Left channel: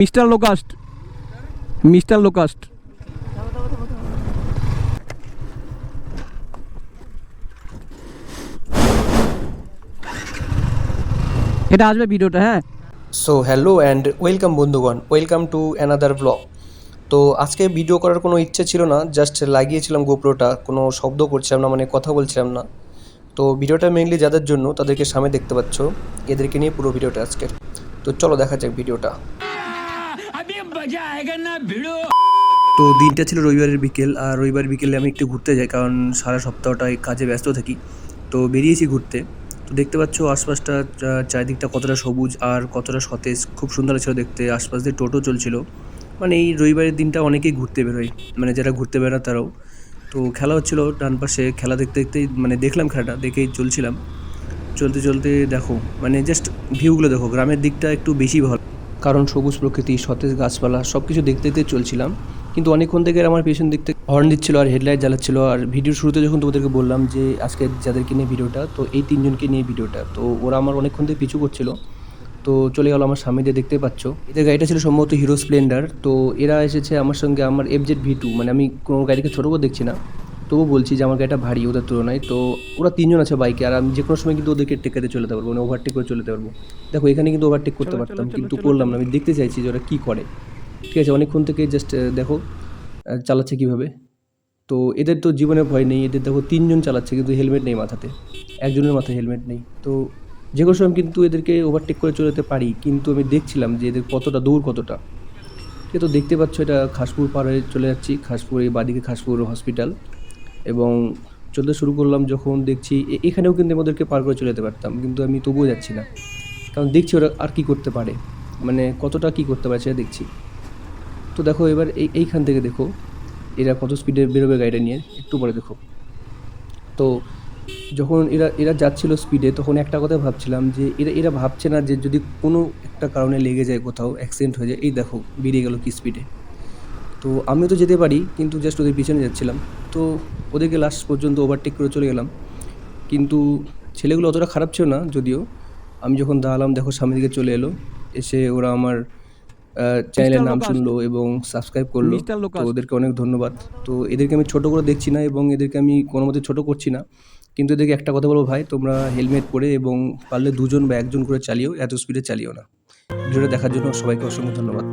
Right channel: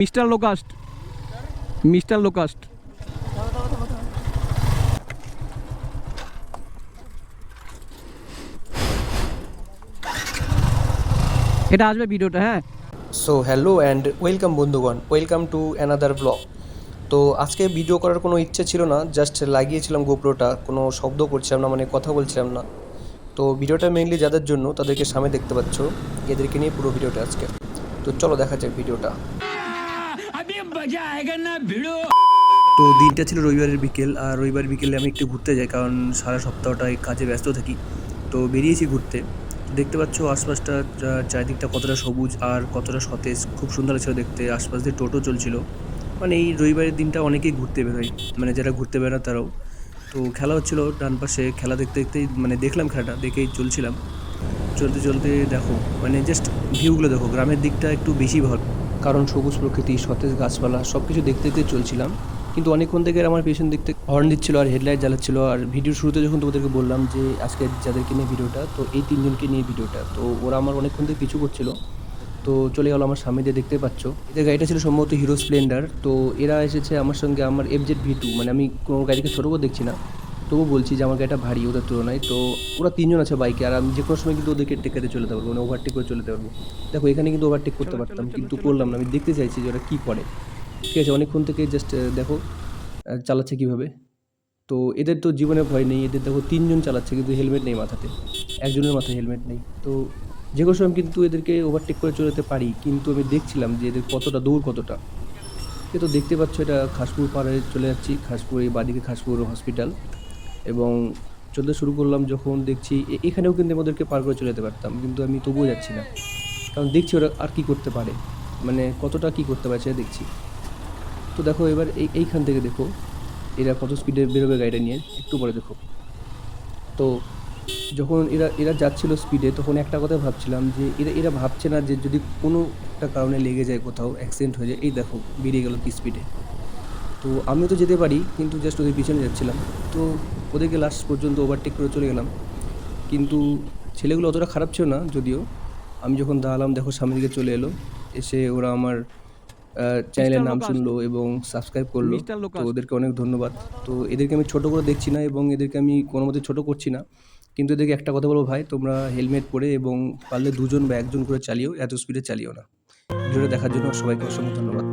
Mister locust. Mister locust. এটা আসবে ভিডিওটা হ্যাঁ? সো হ্যালো অ্যান্ড ওয়েলকাম বন্ধুগণ। ওয়েলকাম টু অ্যানাদার ব্লগ তো আজকে ভিডিও করার কোনো ইচ্ছে ছিল না জাস্ট লাগিয়েছিলাম গোপ্রোটা কোনো শব্দ করছিলাম না মানে কথা বলছিলাম না। তো ভিডিওটা মেইনলি যাদের জন্য, তাদেরকে সামনে দেখতে পাচ্ছ। এদেরকে নিয়ে পুরো ভিডিওটা আজকে। তো চলো দেখা যাক ভিডিওটা তো দিনটা ছিল রবিবারের বিকেল, আর রবিবার বিকেলে আমি একটু ঘুরতে যাই, কারণ সারা সপ্তাহটায় কাজে ব্যস্ত থাকি। তো বেরিয়েছি ঘুরতে। দেখতে পাচ্ছ আশপাশটা চারিদিকটা কতটা সবুজ আর কতটা সতেজ। খুব সুন্দর ছিল দেখতে, আশপাশ দিয়ে টোটো চলছিল। মানে এই রবিবারের দিনটা অনেকেই ঘুরতে বেরোয় মানে যারা ঘুরতে বেরোয় তারাও। তো খেলা হচ্ছিল ডান পাশে, খেলা দেখতে দেখতেই মানে দেখলাম খেলাটা, দেখেই চলছিলাম। চলতে চলতে দেখো মানে জাস্ট ভিউগুলো দেখো, গ্রামের দিকটা একটু বেশি ভালো কারণ সবুজ প্রকৃতি, সতেজ গাছপালা সব কিছু দেখতে দেখতে চলছিলাম। কিন্তু অনেকক্ষণ থেকে আমার পেছন দিক থেকে হর্ন দিচ্ছিল আর হেডলাইট জ্বালাচ্ছিল। আর ভিডিওর শুরুতে যখন তোমাদেরকে বললাম যে আজকে যাদেরকে নিয়ে ভিডিওটা তো এই তিনজনকে নিয়ে ভিডিওটা তো ওরা আমার অনেকক্ষণ থেকে পিছু করছিল। তো চলে গেল আমার সামনে দিয়ে দেখতে পাচ্ছ। এদের গাড়িটা ছিল সম্ভবত হিরো স্প্লেন্ডার তো এরা এসেছে আমার সঙ্গে আমার এফজেড ভি টু মানে আমি কোনো গাড়িকে ছোটো দেখছি না। তবু বলছি যে আমার গাড়িটা ভারী ওদের তুলনায় তো ওরা তিনজন আছে বাইকে আর আমি যে কোনো সময় কিন্তু ওদেরকে টেকাতে চলে যেতে পারব মানে ওভারটেক করে চলে যেতে পারব। দেখো এখানে কিন্তু ওভারটেক করতে পারতাম কিন্তু করলাম না আমি দেখতে চাইছি যে ওরা কী করে। ঠিক আছে অনেকক্ষণ থেকে জাস্ট দেখো চালাচ্ছে কীভাবে। তো এদের তো জীবনে ভয় নেই এদের দেখো তিনজন চালাচ্ছে কিন্তু হেলমেট নেই মাথাতে একজনের মাথায় হেলমেট নেই। তো যে কোনো সময় কিন্তু এদেরকে ওভারটেক করে চলে যেতে পারি কিন্তু আমি দেখছিলাম যে এদের কতটা দূর কতটা। এ তো দেখতে পাচ্ছ এটা খাসপুর পাড়ে চলে যাচ্ছি খাসপুর এই বাদিকে খাসপুর হসপিটাল এবং চলতে শুরু করলাম যখন দেখছি এখানেও কিন্তু আমি ওদেরকে পার করে চলে যেতে পারতাম, কিন্তু আমি তবুও যাচ্ছি না। কারণ দেখছি ওরা আর কি করতে পারে মানে কতটা কি করতে পারে সেটা দেখছি। তো দেখো এবার এই এইখান থেকে দেখো, এরা কত স্পিডে বেরোবে গাড়িটা নিয়ে, একটু পরে দেখো। তো যখন এরা এরা যাচ্ছিল স্পিডে তখন একটা কথা ভাবছিলাম যে এরা এরা ভাবছে না যে যদি কোনো একটা কারণে লেগে যায় কোথাও অ্যাক্সিডেন্ট হয়ে যায়, এই দেখো বেরিয়ে গেল কি স্পিডে তো আমিও তো যেতে পারি কিন্তু জাস্ট ওদের পিছনে যাচ্ছিলাম। তো ওদেরকে লাস্ট পর্যন্ত ওভারটেক করে চলে গেলাম। কিন্তু ছেলেগুলো অতটা খারাপ ছিল না যদিও। আমি যখন দাঁড়ালাম দেখো সামনের দিকে চলে এলো। এসে ওরা আমার চ্যানেলের নাম শুনলো এবং সাবস্ক্রাইব করল। তো ওদেরকে অনেক ধন্যবাদ। তো এদেরকে আমি ছোটো করে দেখছি না এবং এদেরকে আমি কোনো মতে ছোটো করছি না। কিন্তু এদেরকে একটা কথা বলব ভাই তোমরা হেলমেট পরে এবং পারলে দুজন বা একজন করে চালিও এত স্পিডে চালিও না। ভিডিওটা দেখার জন্য সবাইকে অসংখ্য ধন্যবাদ।